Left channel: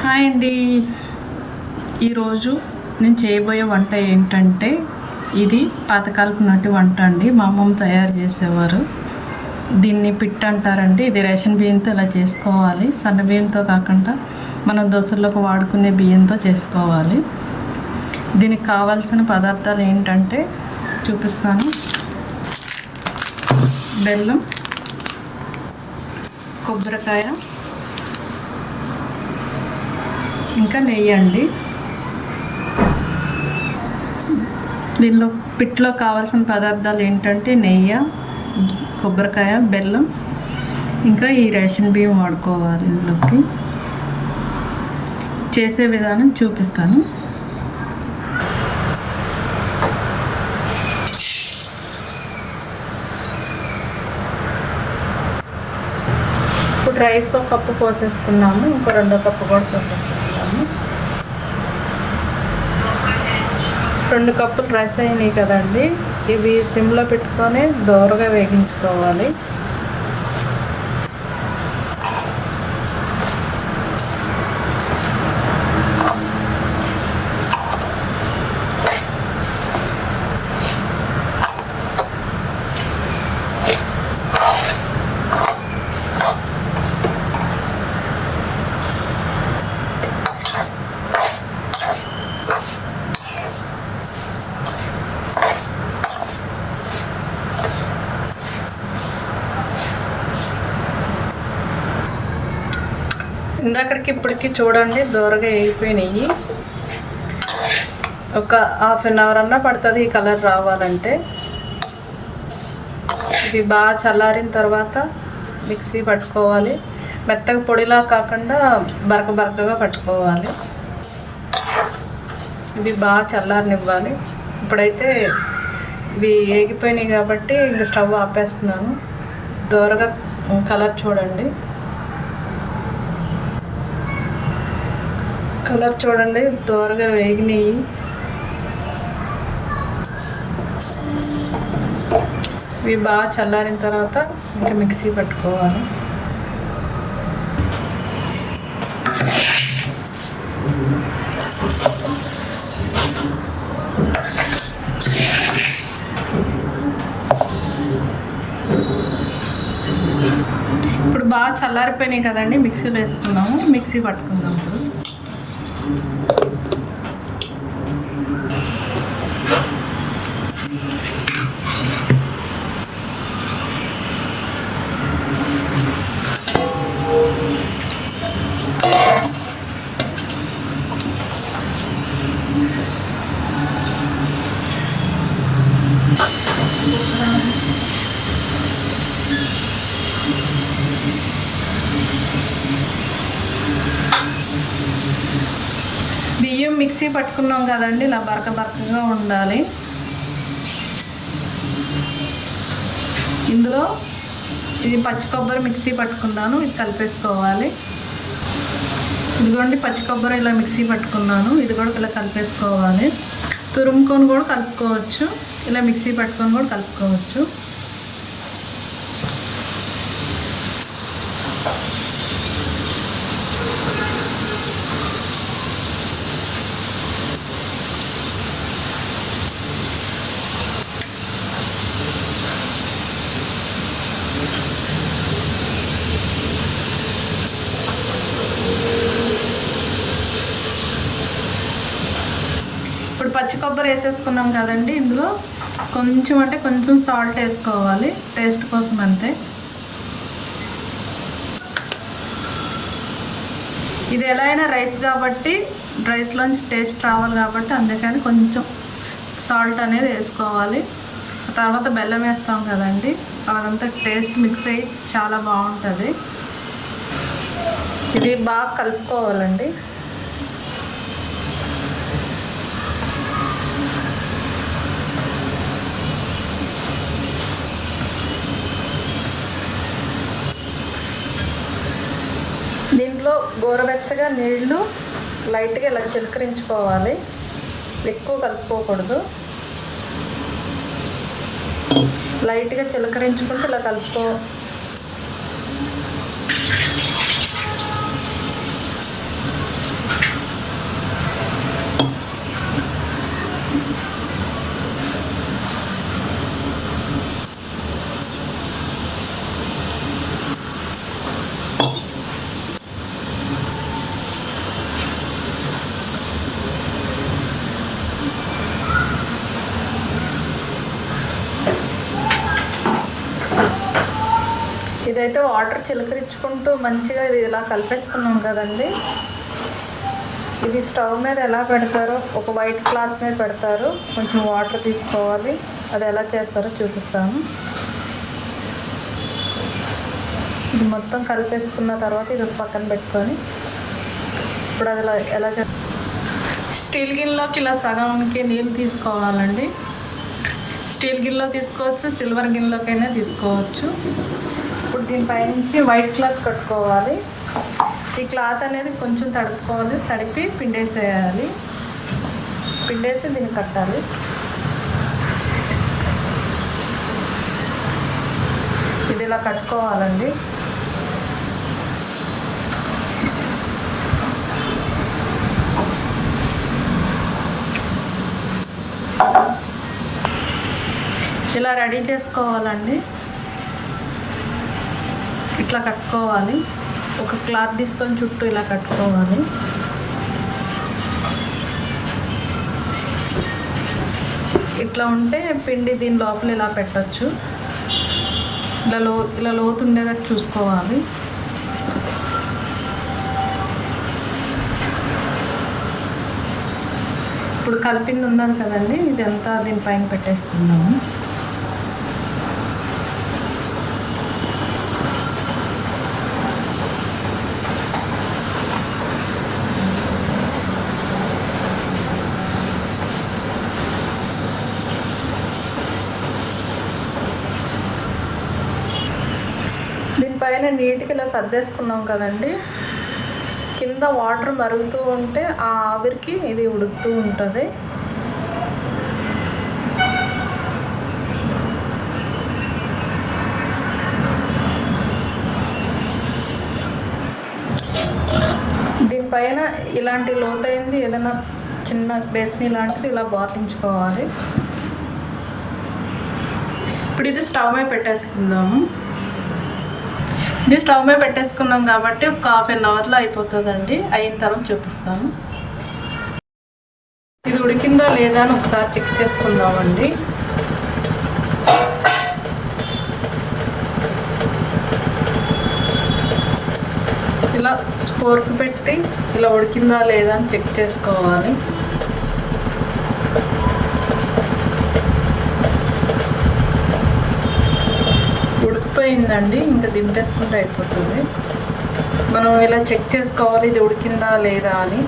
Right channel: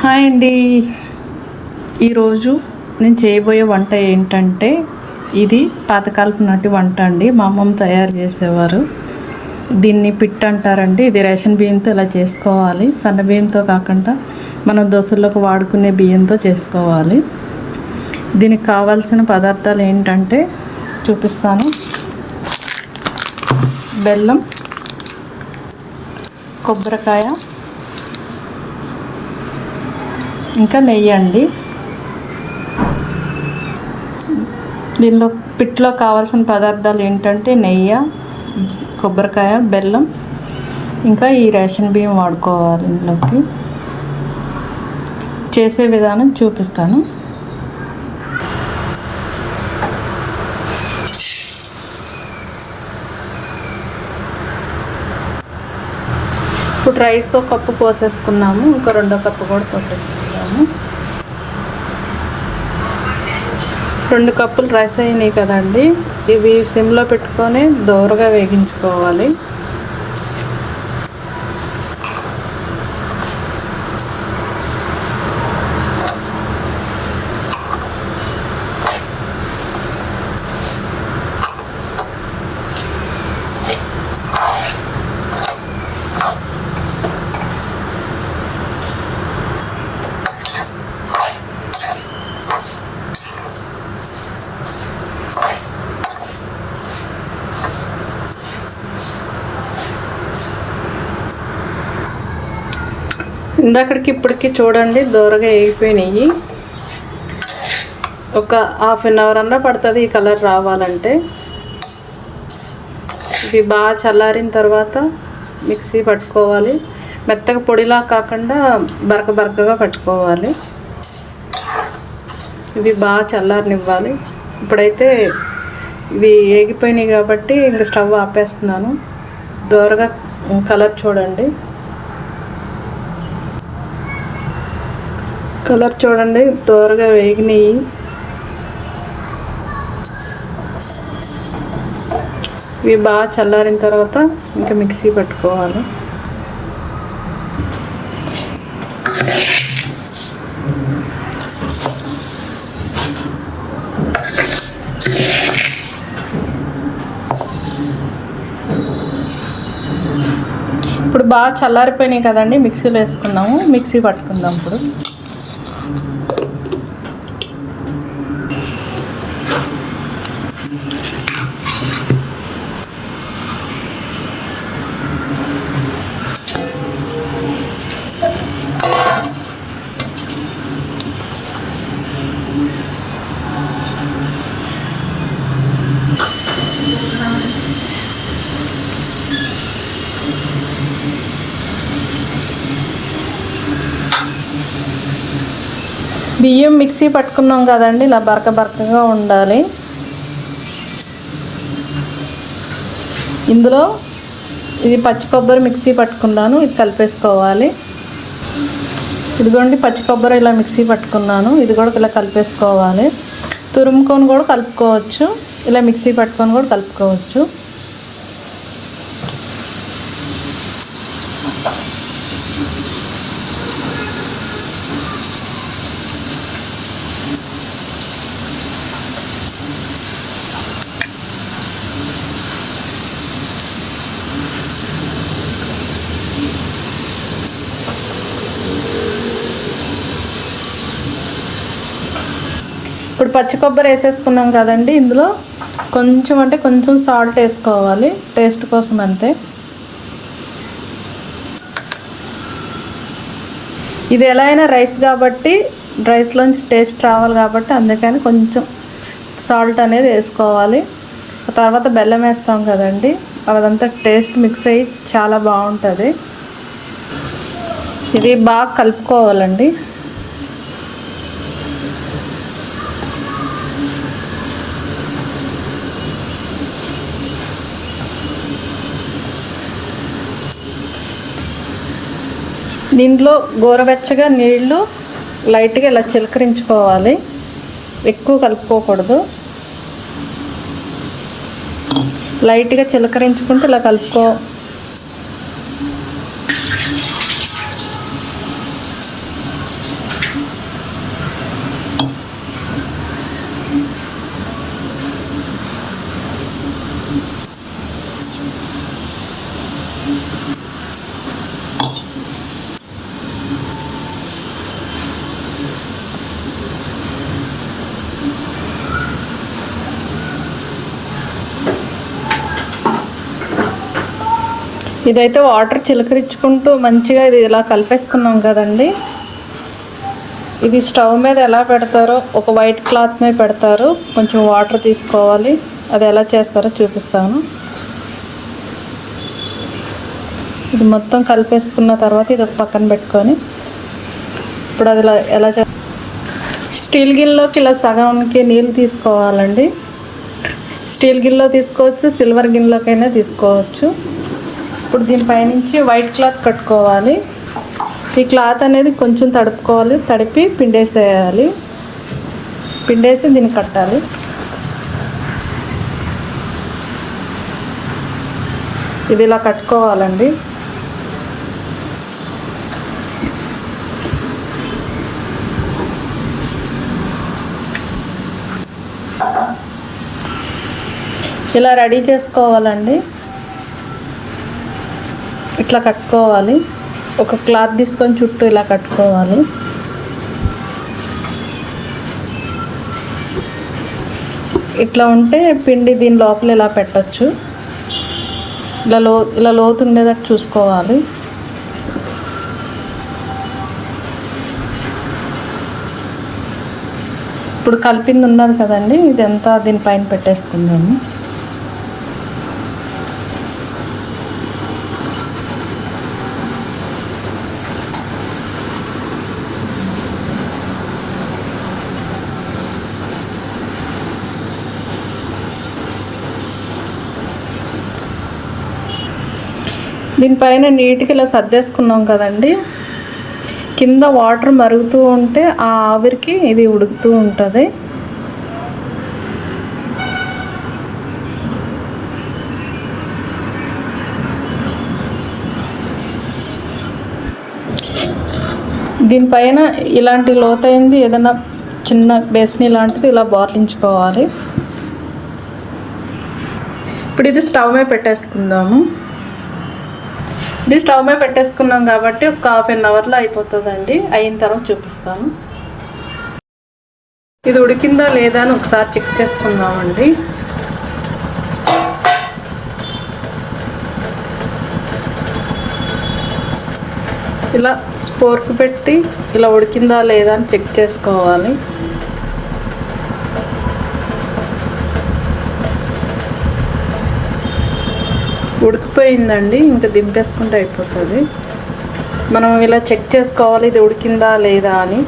Hi అండి. ఈరోజు నేను చేయబోయే వంట ఏంటంటే ఇది పాతకాలపు నాటి వంట అండి. మా అమ్మమ్మ తయారు చేసేవారు. దీన్ని పిట్ అంటారండి. ఇది రేషన్ బియ్యంతో ఇలా చేసుకోవాలి. సన్న బియ్యంతో కాకుండా మనం దోశలకు వాడుకునే బియ్యంతో చేసుకోవాలి. దీనికి కావాల్సిన పదార్థాలు ఏంటంటే చూపిస్తాను. బెల్లం, కొబ్బరికాయ, ఇంకా నెయ్యి అండి. దీనిలో పిట్లో కావాల్సిన పదార్థాలు ఏంటంటే నెయ్యి, కొబ్బరికాయ, బెల్లం, ఇంకా ఈ రేషన్ బియ్యం వాడుకోవాలి. ఇందులోకి చేసే విధానం చూపిస్తాను. ఇప్పుడు రైస్ ఒక కప్పు పోసేసుకున్నాము. ఇంకో 2 కప్పు కూడా పోసేసుకున్నాము. 2 కప్పులు రైస్ అయినాయి కదండి. ఇవి సిమ్లో పెట్టుకొని దోరగా వేగించుకోవాలి. ఇందాకడికి ఇప్పటికి చూడండి దోరగా వేగిపోయినాయి. ఒక ½ అన్ అవర్ అన్నా పడుతుంది ఈ కలర్ రావాలంటే. ఇది బాగా చల్లారిన తర్వాత మిక్సీ పట్టుకోవాలి. మెత్తగా పొడిలా కాకుండా బరకగా పట్టుకోవాలి. ఇవి బాగా చల్లారనివ్వాలి. ఇప్పుడైతే ఇవి వేగిపోయినాయి కాబట్టి ఇంక స్టవ్ ఆపేస్తున్నాను. దోరగా కలర్ చూడండి. కలర్ చూడండి దోరగా వేగినాయి. ఇవి బాగా చల్లారిన తర్వాత ఇంకా మిక్సీ పట్టుకోవాలి. ఇప్పుడు బాగా చల్లారిపోయినాయి కదండి. మిక్సీలో వేసుకున్నాము. మిక్సీ పట్టుకుందాం ఇప్పుడు. బియ్యం మిక్సీ పట్టుకున్నాం కదండి. ఇలా బరకగా ఉండాలి. ఇందులో ఇది పచ్చి కొబ్బరి మిక్సీ పట్టుకున్నాను. ఇది కలిపేసుకోవాలి. ఇదిగోండి పచ్చి కొబ్బరి ఇలా మిక్సీ పట్టుకున్నాను. ఇది కూడా ఇలా కలిపేసుకోవాలి. తురుముకొని కూడా కలుపుకోవచ్చు. ఇలా మిక్సీ పట్టుకొని కూడా కలుపుకోవచ్చు. ఇప్పుడు పచ్చి కొబ్బరి వేసేసుకున్నాం కదండి. ఇందులో కొంచెం సాల్ట్ వేసుకోవాలి టేస్ట్ కోసం అంతే. ఇది ఎలా అయినా రైస్ కాబట్టి రైస్లోంచి టేస్ట్ రావాలి కాబట్టి అందుకని కొంచెం సాల్ట్ అనేది వేసుకోవాలి. తర్వాత బెల్లం వేస్తాం కదండి. అదంతా టేస్ట్ మిక్స్ అయ్యి చాలా బాగుంటుంది. ఇది బాగా కలుపుకోవాలండి. దీంట్లో గోరువెచ్చగా నీళ్లు లైట్గా ఇలా చిలకరించుకోవాలి. ఎక్కువ కలుపుకోకూడదు. లైట్గా చిలకరించుకుంటూ ఇలా కలుపుకో. ఇదైతే వాటర్ చిలకరించుకుంటూ మంచిగా ఇది ఇలా కలిపేసుకున్నాం కదండి. ఇది స్టవ్ మీద ఎలా పెడతారో, ఒక వైట్ క్లాత్ మీద పెడతారు, కొంచెం వాటర్ తీసుకోవాలి. అది ఎలా చేస్తారో చూపిస్తాను. ఇది మొత్తం కలిపేసుకున్న తర్వాత ఇది ఒక పక్కన పెట్టుకొని ఇప్పుడు అది ఎలా స్టీల్ గిన్నెలోకి ఇలా సగానికి నీళ్ళు తీసుకోవాలండి. స్టీల్ గిన్నెలో తీసుకోవచ్చు, సిల్వర్ గిన్నెలోకైనా తీసుకోవచ్చు. ఇప్పుడు దీనిపైనుంచి వైట్ క్లాత్ కట్టుకోవాలి. ఈ క్లాత్ అనేది కొంచెం తడుపుకోవాలి, తడిపి పిండేసేయాలి. పిండేసి దీన్ని కట్టాలి. ఇది ఇలా కట్టుకోవాలండి. ఇలా రెడీ చేసుకోవాలండి. ఇట్లా కట్టుకోవాలి. ఒక క్లాత్ తీసుకొని చుట్టూ ఇలా కట్టుకోవాలి. ఇట్లా ఉంటే పిండి దీని లోపల ఇలా పెట్టచ్చు. ఇలా లోతు ఉండేటట్టు చూసుకోవాలి. ఇప్పుడు కలిపింది ఉన్నది కదండి, ఇదంతా దీనిపైన పెట్టేసుకుందాము. దీనిపైన నీట్గా ఇలా సర్దేసుకున్నాం కదండి. కింద వాటర్ మరుగుతూ ఉంటే ఆ ఆవిరికి ఇది ఉడుకుతూ ఉంటుంది. దీనిపైన ఇలాంటి లోతైంది ఏదైనా చిన్న బేస్ని లాంటిది ఇలా బార్లించుకోవాలి. ఇప్పుడు ఇది స్టవ్ మీద పెట్టేసుకుందాము. ఇది స్టవ్ మీద పెట్టేసుకున్నాం కాబట్టి ఒక ½ అవర్లో అయిపోతుందండి. అయిన తర్వాత చూపిస్తాను. ఇది ఉడికిందా లేదా అని ఒకసారి చెక్ చేసుకుందామండి. ఇలా స్పోర్క్ పెట్టి ఇలా ఉడికిందా లేదా అని చెక్ చేసుకోవాలి. ఉడికిపోయిందండి. ఇంకా దింపేసుకుంటే అయిపోతుంది. మనం ఇలా చెక్ చేసుకోవాలి ఇది ఉడికిందా లేదా అని.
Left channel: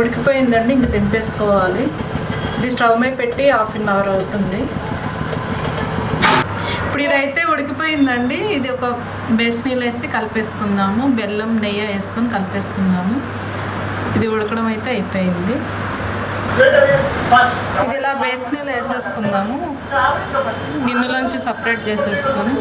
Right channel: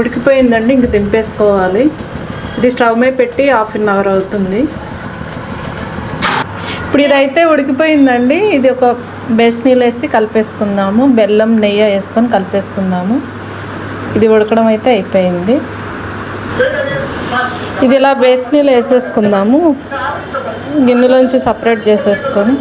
ఉడికిపోయిందండి. ఇంక దింపేసుకోవాలి. ఇది స్టవ్ మీద పెట్టి ½ అవర్ అవుతుంది. ఇప్పుడు ఇదైతే ఉడికిపోయిందండి. ఇది ఒక బేసనీలో వేసి కలిపేసుకుందాము. బెల్లం నెయ్యి వేసుకొని కలిపేసుకుందాము. ఇది ఉడకడం అయితే అయిపోయింది. ఇది ఇలా బేసనీలో వేసేసుకుందాము. గిన్నెలోంచి సపరేట్ చేసేసుకొని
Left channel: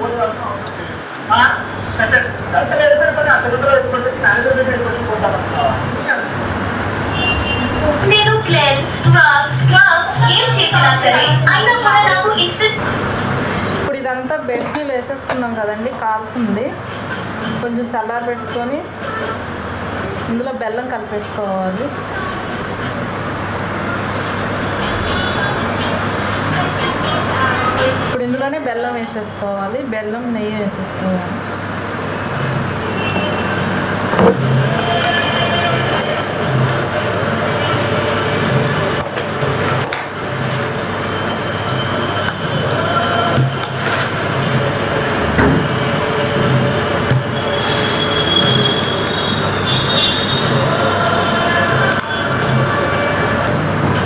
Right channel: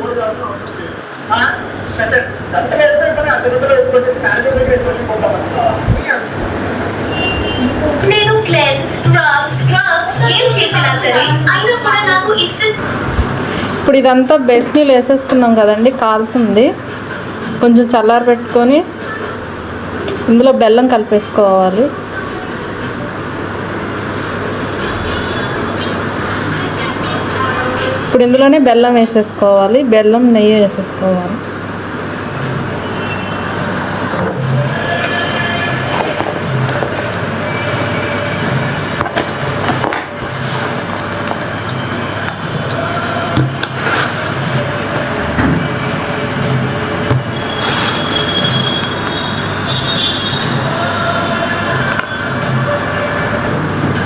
ఇప్పుడు ఇదంతా బేసనీలో వేసేసుకున్నాం కదండి. కాలుతుంది. కొంచెం చల్లారి పెట్టుకొని ఇందులో బెల్లం కలిపేసుకోవాలి. ఇప్పుడు ఇందులోనే బెల్లం వేసేసుకోవాలి. బెల్లం నెయ్యి వేసేసుకోవాలి.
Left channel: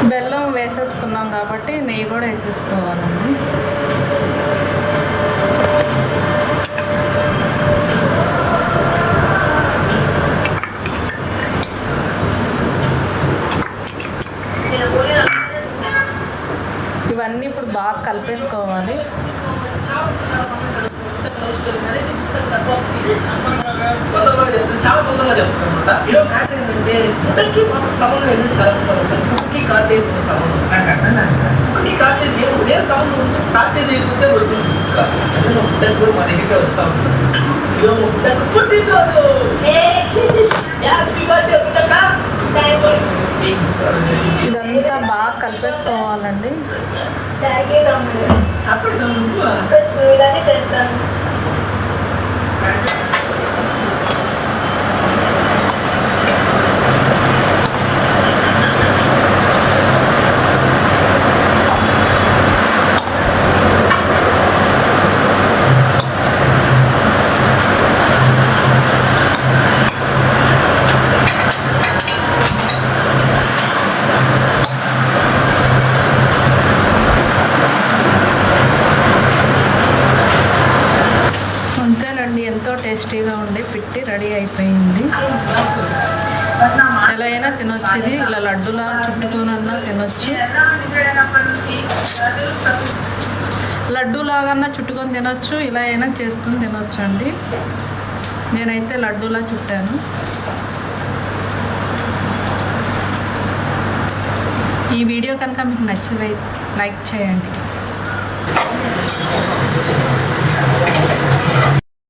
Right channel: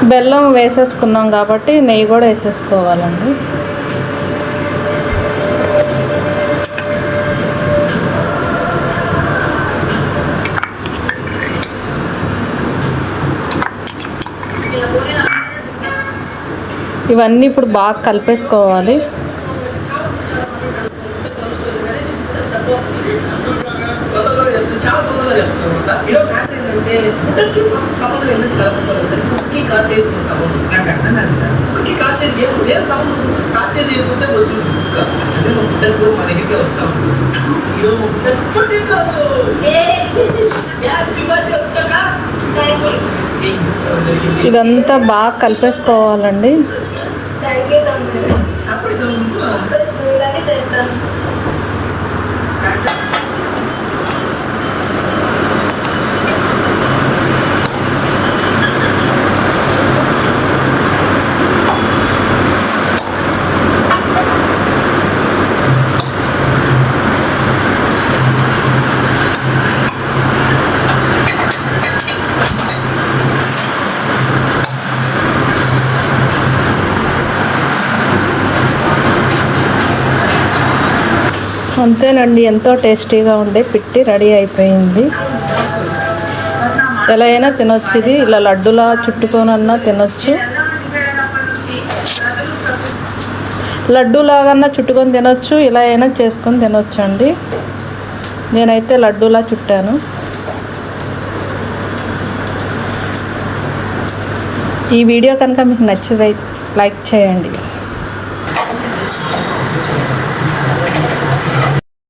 బెల్లం వేసేసుకున్నాం కాబట్టి నెయ్యి కూడా వేసేసుకోవాలండి. ఇవన్నీ ఇప్పుడు బాగా కలిపేసుకోవాలి. ఇదంతా బాగా కలిపేసుకోవాలండి. అంతేనండి, ఎంతో టేస్టీగా ఉండే పిట్టి రెడీ అయిపోయింది. ఎలా అయినా తినొచ్చు. ఇది ఇలా లడ్డులా చుట్టుకొనన్నా తినొచ్చు, లడ్డూలాగన్నా చుట్టుకొని తినొచ్చు, ఇలా అయినా చేసుకొని తినొచ్చు అండి. నేనైతే లడ్డూలా చుట్టాను. ఈ వీడియో కనుక మీకు నచ్చితే లైక్ చేయండి.